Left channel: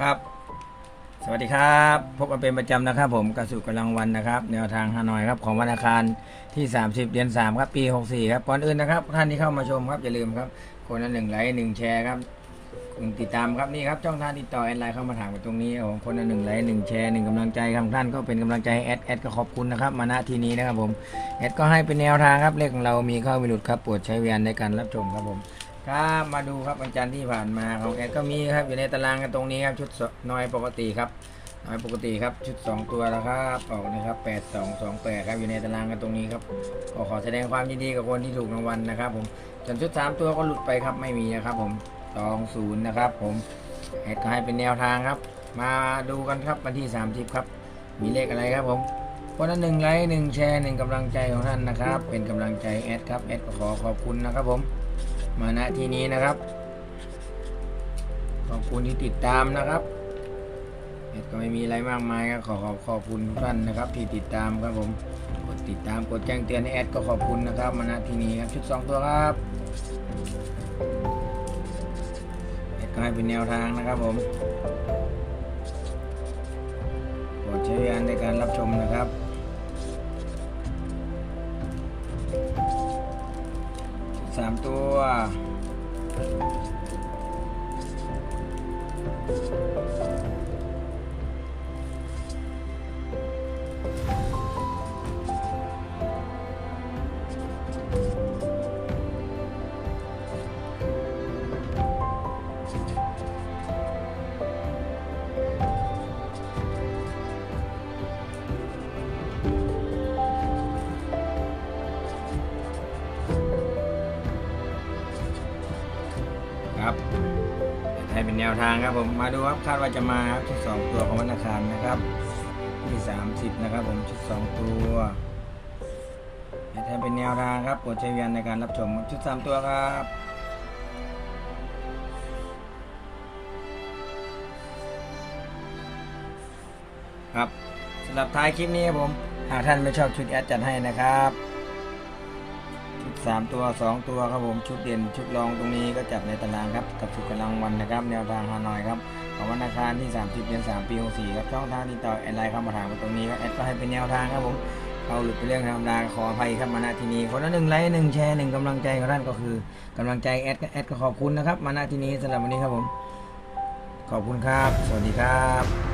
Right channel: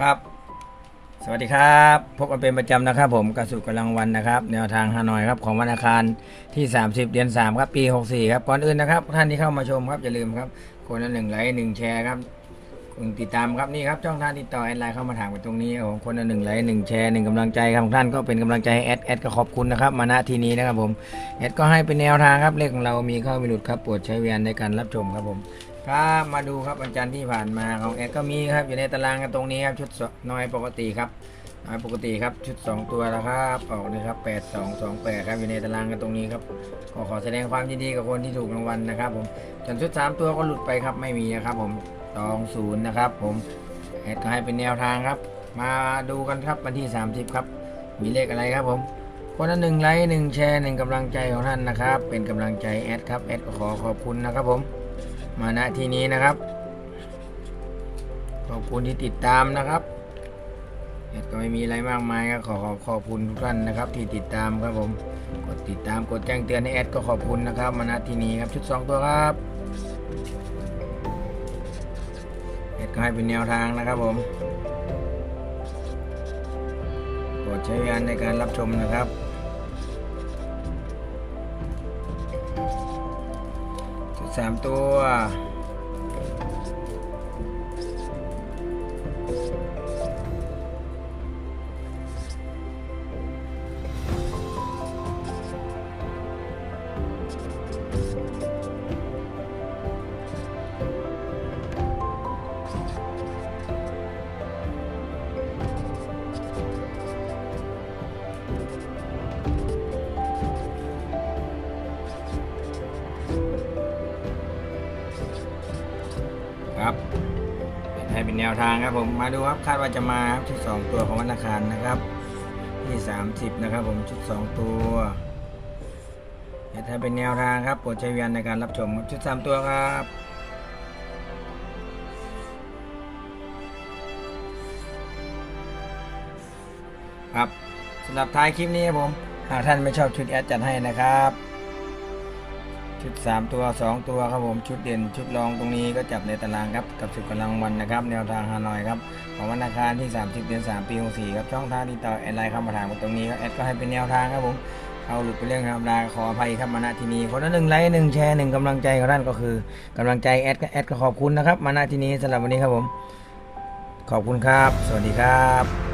ครับ สวัสดีครับ พบกันเป็นประจำนะครับผมกระสุนกำลังวันนะครับ แนวทางฮานอยครับของวันอังคารที่ 30 เดือน3ครับปี 64 ครับก่อนอื่นนะครับ ท่านที่เข้ามาชมครับอย่าลืมครับคนละหนึ่งไลค์หนึ่งแชร์ครับหนึ่งติดตามครับนี่ครับช่องทางติดต่อแอดไลน์เข้ามาถามกันตรงนี้ครับคนละหนึ่งไลค์หนึ่งแชร์หนึ่งกำลังใจครับท่านก็เป็นกำลังใจให้แอดแอดก็ขอบคุณนะครับมาณที่นี้นะครับผมแอดก็ให้เป็นแนวทางครับเลขของเรามีเข้ามีหลุดครับโปรดใช้เวียนในการรับชมครับผม ครับมาดูครับวันจันทร์ที่ผ่านมาของแอดก็มีครับอยู่ในตารางกันตรงนี้ครับชุดน้อยปกติครับน้อยปกติครับชุด 2 ตัวแล้วครับออกนะครับ8 2 2 8ครับอยู่ในตารางกันตรงนี้ครับขอขอแสดงความยินดีกับคนที่ถูกรางวัลนะครับ ผมส่วนชุด 3 ตัวก็หลุดไปครับไม่มีนะครับ ผม2 0นะครับผมแอดก็ให้เป็นแนวทางครับ มาดูกันครับวันที่ 30 ครับ มีเลขอะไรครับผมคนละหนึ่งไลค์หนึ่งแชร์หนึ่งกำลังใจของท่านนะครับ เป็นกำลังใจแอดครับแอดก็ขอขอบคุณนะครับผม มาณที่นี้นะครับ ขอบคุณที่ติดตามนะครับแอดก็ไม่มีอะไรมากมายครับขอขอขอบคุณทุกท่านนะครับ ที่ติดตามครับผม กดติดตามกดแจ้งเตือนให้แอดก็ขอบคุณนะครับ มาณที่นี้ครับชุดสองตัวครับแอดก็ให้เป็นแนวทางนะครับผมโปรดใช้วิญญาณในการรับชมนะครับ สามตัว ครับให้เป็นแนวทางครับผมมาดูครับคาดว่าจะมาครับชุดสองตัวของวันอังคารนะครับที่30นะครับ ผมชุด2ตัวให้เป็นแนวทางครับโปรดใช้วิญญาณในการรับชมชุด3ตัวครับครับสำหรับท้ายคลิปนี้ครับผม หากท่านไม่ชอบชุดแอดจัดให้นะครับ ชุด 3 ตัว 2 ตัวครับผมชุดเด่นชุดรองตรงนี้ก็จับในตารางครับกับสุดกำลังวันนะครับ แนวทางฮานอยครับของวันอังคารที่ 30 เดือน 3 ปี 64 ครับช่องทางที่ต่อแอดไลน์เข้ามาถามกันตรงนี้ครับแอดก็ให้เป็นแนวทางครับผมเอาหลุดไปเรื่องธรรมดาขออภัยครับมาณที่นี้คนละหนึ่งไลค์หนึ่งแชร์หนึ่งกำลังใจของท่านก็คือกำลังใจแอดก็แอดก็ขอบคุณนะครับ มาณที่นี้สำหรับวันนี้ครับผม ขอบคุณครับ สวัสดีครับ